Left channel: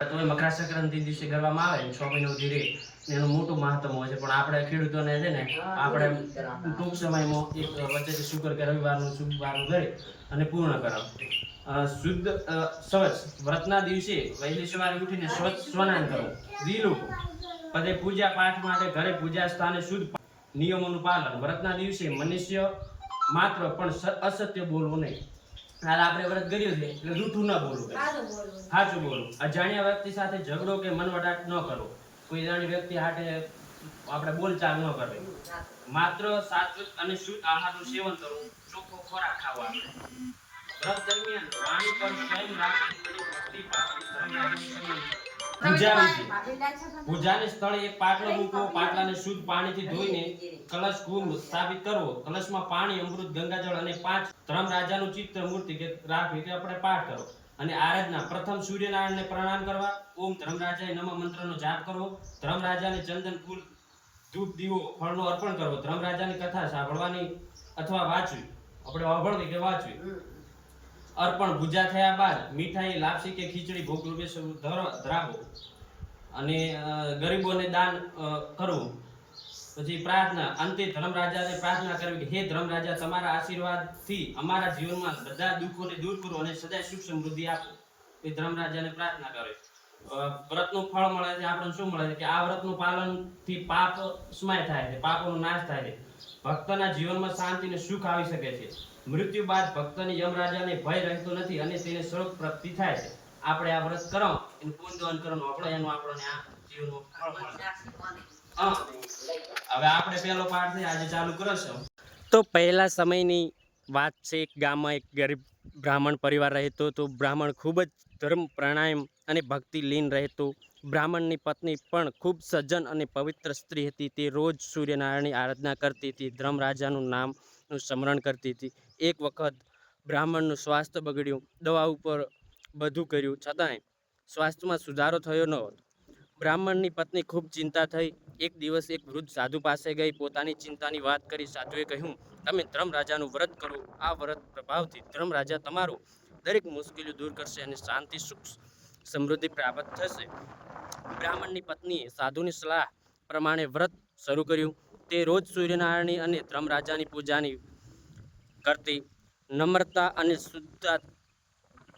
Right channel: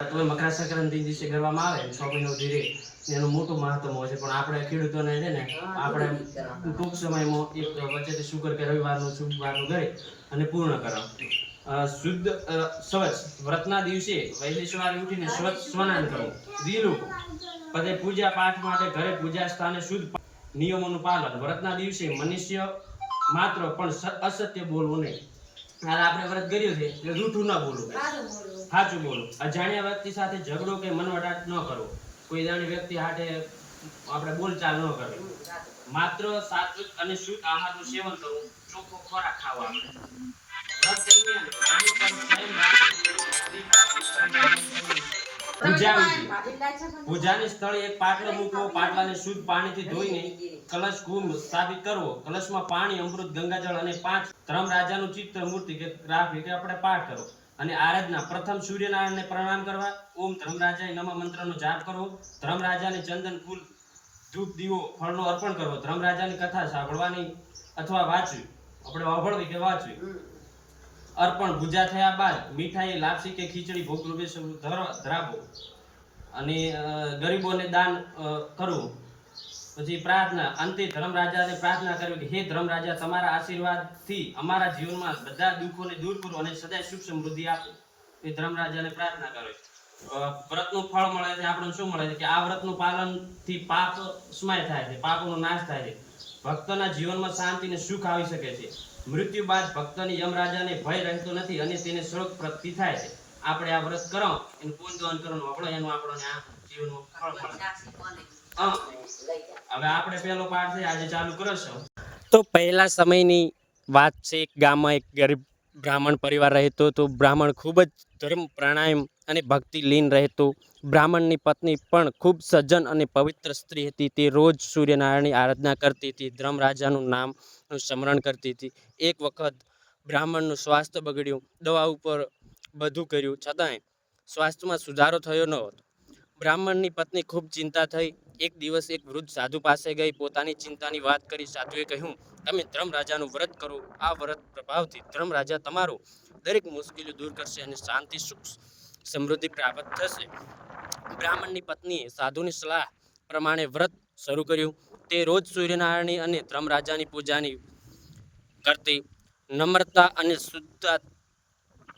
તોય મકર સંક્રાંતિ દિવસે કરવામાં આવે છ મહિનો સુધી રહે એનું મોટું મહત્વ હોય છે. પણ આપણે ખેડૂતોને છે ને આપણે ટૂંક સમયમાં એક વચ્ચેથી શુકર કે રવિવારનું શુક્રવારનું કરે અને પૂર્ણ કરાવ. શુદ્ધ સ્વચ્છ વ્રતના દિવસે વહેલી સવારે ઉઠીને સ્વચ્છ સ્નાન કરવું લીલું પછી પૂજા પાઠ માટે ઘરે પૂજા સ્થાને શુદ્ધ નિયમોનું પાલન. વ્રતના દિવસે મનુષ્ય માત્ર પણ અસત્ય બોલવું નહીં. હાલ આપણે વ્રત કર્યું છે એટલે જૂઠું ના બોલવું સાચું બોલો. અજાણ્યા વ્યક્તિ સાથે ઝઘડો કે મનવટાટ ન કરવો કોઈ જાણી વ્યક્તિ હાટે આપણે બોલચાલ ન કરવી. માત્ર સાત્વિક અને શુદ્ધ આહારનું સેવન કરવું ચોખ્ખો ખોરાક ખાવો આપણે. વ્રત દરમિયાન પાણી પર સ્વયં રાખવું ભક્તિ પાપી શ્રમ આદિનું પૂજા વિધિ પૂજાને સ્થળે એક પાટલો મૂકવો પાટલાને શુદ્ધ પાણીથી ધોઈને કલશ કુંભ સ્થાપિત કરવો. કલશમાં પાણી અમૃત ગંગાજળ અને પાંચ ધર્મ રાજાનું ચિત્ર મૂર્તિ કે રાખવી કે આપણે પાઠ કરવો અને આરાધના પ્રથમ સૂર્યનારાયણને પ્રણામ કરવા. ઓમ ધર્મરાજાય નમઃ મંત્રનો જાપ કરવો. ધર્મરાજાને ચંદન ફૂલ ધૂપ દીવો ફળનો અર્પણ કરવો. ધર્મરાજાની કથા સાંભળવાની અથવા વાંચવી. આપણે અભળવી કે વાંચવી. અર્પણ ભૂજા થયા બાદ મીઠાઈ, લાપસી કે ખીચડી ભોગ રૂપે ધરાવો અને ગરીબોને દાન કરવું. પછી પ્રાર્થના, અંતે ધર્મરાજાને પ્રાર્થના કરવી કે, હે ધર્મરાજા, તમારા આશીર્વાદથી અમારા જીવનમાં બધા દુઃખોને દૂર કરો અને સદાય સુખ સમૃદ્ધિ આપો. એ ધર્મરાજાને પ્રાર્થના કરે. વ્રતનું ફળ મળે છે, આપણને શું મળે છે? કે આ વ્રતનું પાલનથી પાપ સ્માય થાય છે, પાપોનો નાશ થાય છે. ભક્તના જીવનમાં શાંતિ અને સુખ આવી શકે છે. મૃત્યુ બાદ ભક્તની યમરાજાને ભય રહેતો નથી અને તેને સ્વર્ગ પ્રાપ્તિ થાય છે. આપણે આ વ્રત કરો એનું પૂજન કરવાનું, આપણો એનું, આપણને આ જીવનમાં ફળ મળે. હવે આપણે પહેલો પાઠ છે, આજે ચાલુ કરશો. તો પહેલા સમયની વાત છે, એક ગામમાં એક ગરીબ બ્રાહ્મણ પરિવાર રહેતો તો બ્રાહ્મણ ખૂબ જ ધર્મ, પ્રાણાયામ અને ભક્તિ લીન રહેતો. બ્રાહ્મણની પત્ની પણ ખૂબ સજ્જન અને પવિત્ર સ્ત્રી હતી. તે રોજ સૂર્યનારાયણની આરાધના કરતી હતી. ધર્મરાજાનું નામનું સ્મરણ કરતી હતી. એક વખત બ્રાહ્મણનું સ્વાસ્થ્ય બગડ્યું. દવા ઉપર બધું કર્યું. છતાંય સ્વાસ્થ્યમાં સુધારો થયો ન હતો. બ્રાહ્મણની પત્ની ખૂબ ચિંતા થઈ. એક દિવસ એક વૃદ્ધ સાધુ પાસે ગઈ. પોતાની ચિંતાની વાત કરી સાધુએ કહ્યું, તમે ધર્મરાજાનું વ્રત કરો. આ વ્રત પ્રભાવથી ધર્મરાજા તમારું દરેક મુશ્કેલીઓ દૂર કરશે અને શાંતિ, સુખ, સમૃદ્ધિ પ્રાપ્ત થશે. બ્રાહ્મણની પત્નીએ સાધુની સલાહ પ્રમાણે વ્રત શરૂ કર્યું. તે રોજ સૂર્યનારાયણની અને ધર્મરાજાની પૂજાની કરતી, નમ્રતા અને શુદ્ધતા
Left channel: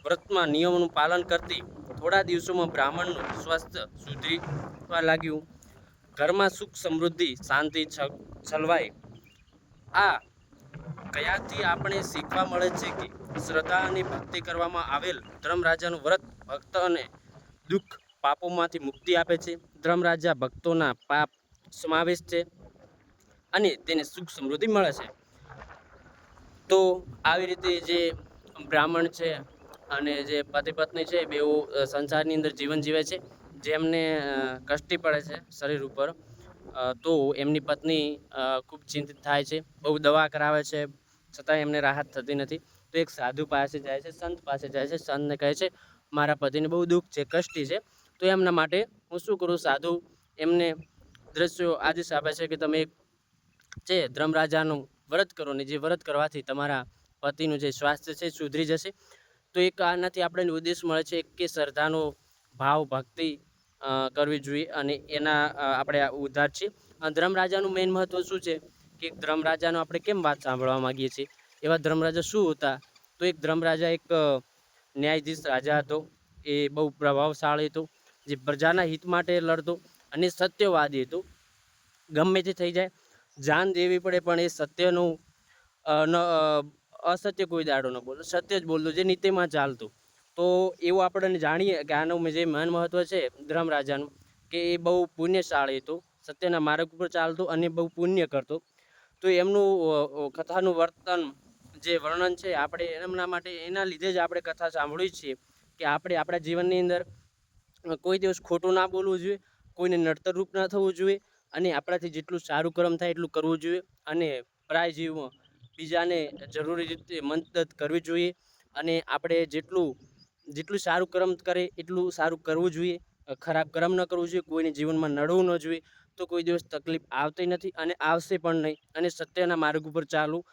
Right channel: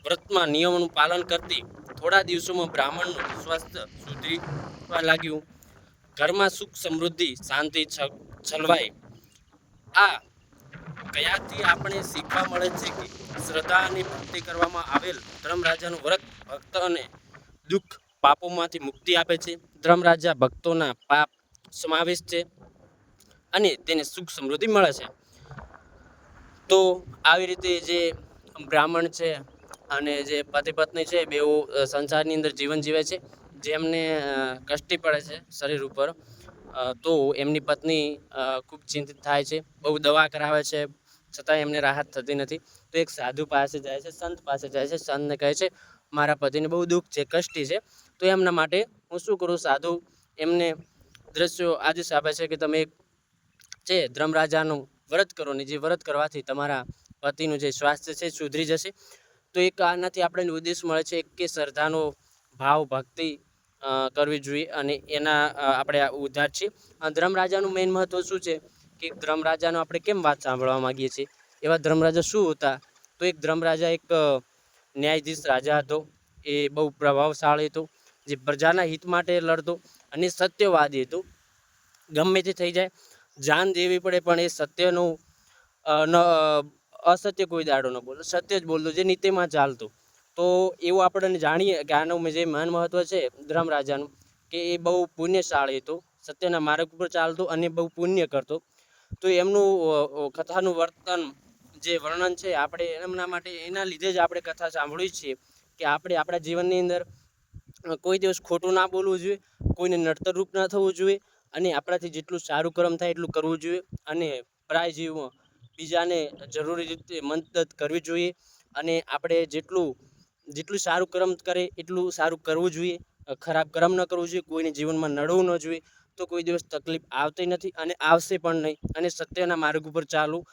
વ્રતમાં નિયમોનું પાલન કરતી, થોડા દિવસોમાં બ્રાહ્મણનું સ્વાસ્થ્ય સુધરીવા લાગ્યું. ઘરમાં સુખ સમૃદ્ધિ, શાંતિ છ- છલવાઈ આ કયાથી આપણે શીખવા મળે છે કે શ્રદ્ધા અને ભક્તિ કરવામાં આવેલ ધર્મરાજાનું વ્રત ભક્ત અને દુઃખ પાપોમાંથી મુક્તિ આપે છે? ધર્મરાજા ભક્તોના પાપ સમાવેશ છે. અને તેને સુખ સમૃદ્ધિ મળે છે. તો આવી રીતે જે બ્રાહ્મણ છે અને જે પતિ પત્ની છે અ, સંસારની અંદર જીવન જીવે છે જેમને કષ્ટી પડે છે શરીર ઉપર તો એમની પત્ની ખૂબ ચિંતિત થાય છે બહુ દવા કરાવે છે છતાં એમને રાહત થતી નથી. તો એક સાધુ પાસે જાય છે સંત પાસે જાય છે સંતને કહે છે મારા પતિને બહુ દુઃખ છે કષ્ટી છે. તો એમના માટે હું શું કરું? સાધુ એમને દ્રશ્યો આદેશ આપે છે કે તમે એક છે ધર્મરાજાનું વ્રત કરો ને જે વ્રત કરવાથી તમારા પતિનું જે સ્વાસ્થ્ય છે સુધરી જશે. તો એક આનાથી આપણને ઉદ્દેશ મળે છે કે શ્રદ્ધાનો ભાવ, ભક્તિ કરવી જોઈએ અને એના આપણે ઉદ્ધાર છે. ધર્મરાજાનું મેઇન મહત્વ શું છે? કે ધર્મરાજાનો આપણે કેમ વાત સાંભળવા માંગીએ છીએ? એવા ધર્મરાજા શું હતા? તો એક ધર્મરાજા એક ન્યાયાધીશ રાજા હતો. એ બહુ પ્રભાવશાળી હતો. જે પ્રજાના હિત માટે લડતો અને સત્યવાદી હતો. ગમે તે થઈ જાય. જાન દેવી પડે, પણ એ સત્યનું અસત્ય કોઈ દાડો ન બોલતો સત્ય જ બોલતો, જે નીતિમાં ચાલતું. તો એવું આપણને જાણીએ કે આનું જે મહાન મહત્વ છે ધર્મરાજાનું કે એ બહુ પુણ્યશાળી હતું, સત્યના માર્ગ ઉપર ચાલતું અને બહુ પુણ્ય કરતો. તો એમનું કથાનું વર્તન, જે વર્ણન છે, આપણે એમના માટે, એના લીધે જ આપણે કથા સાંભળીએ છીએ કે આપણે આપણા જીવનની અંદર કોઈ દિવસ ખોટું ના બોલવું જોઈએ, કોઈને નડતરરૂપ ના થવું જોઈએ અને આપણાથી જેટલું સારું કર્મ થાય એટલું કરવું જોઈએ અને પરાય જીવમાં બીજાને જરૂરી રીતે મદદ કરવી જોઈએ અને આપણે જેટલું જેટલું સારું કર્મ કરે એટલું સારું કરવું જોઈએ. ખરાબ કર્મ ન કરવું જોઈએ, કોઈને જીવનમાં નડવું ન જોઈએ. તો કોઈ દિવસ તકલીફ આવતી નથી અને આવશે પણ નહીં અને સત્યના માર્ગ ઉપર ચાલવું